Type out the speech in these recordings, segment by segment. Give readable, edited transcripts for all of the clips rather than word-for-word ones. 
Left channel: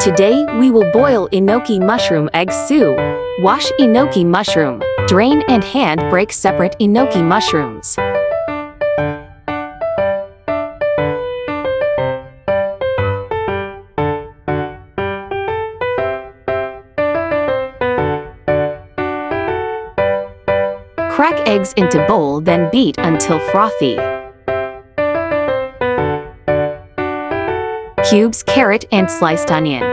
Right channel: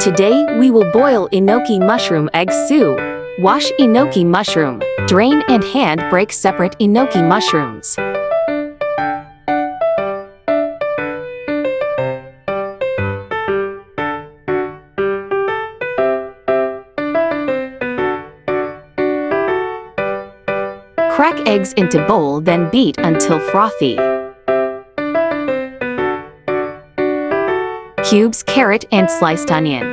Today we will boil enoki mushroom egg soup. Wash enoki mushroom, drain and hand break separate enoki mushrooms. Crack eggs into bowl, then beat until frothy. Cubes carrot and sliced onion.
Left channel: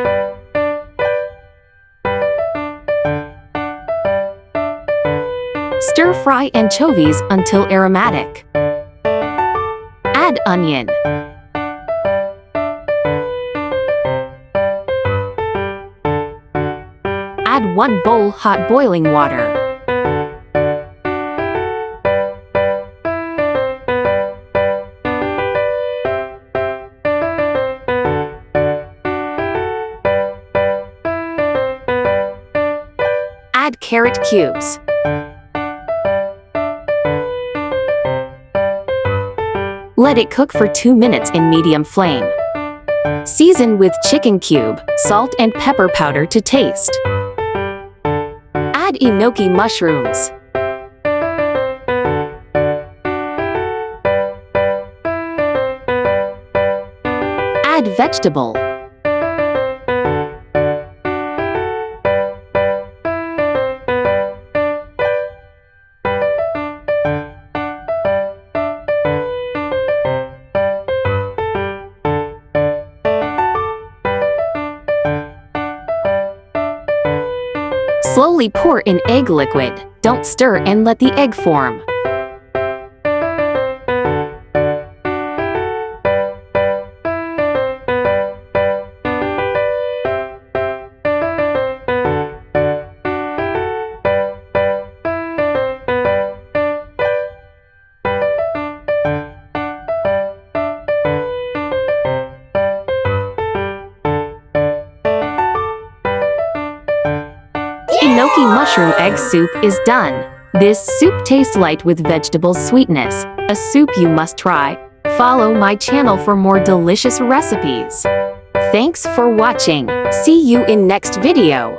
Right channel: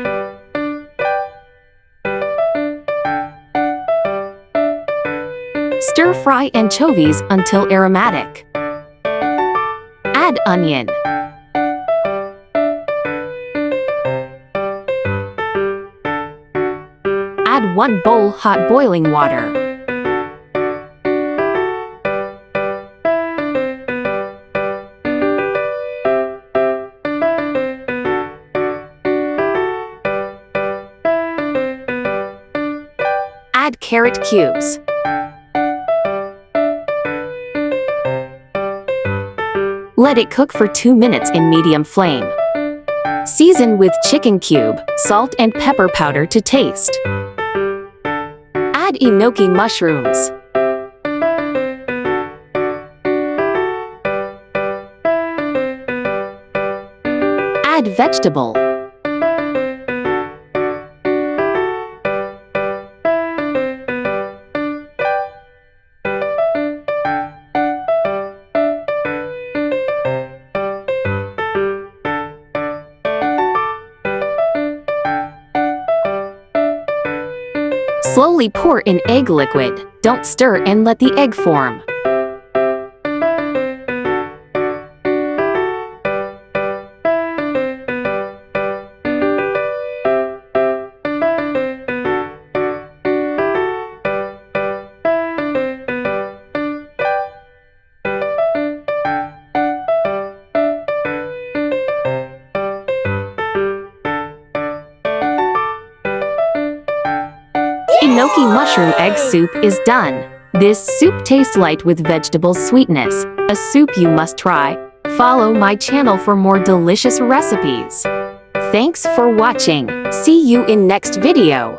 Stir fry anchovies until aromatic. Add onion. Add 1 bowl hot boiling water. Add carrot cubes. Let it cook for 2 minutes in medium flame. Season with chicken cube, salt and pepper powder to taste. Add enoki mushrooms. Add vegetable. Slowly pour in egg liquid. Don't stir and let the egg form. Enoki mushroom egg soup is done. This soup tastes light with vegetable sweetness. A soup you must try. Follow my channel for more delicious recipes. Thanks for watching. See you in next video.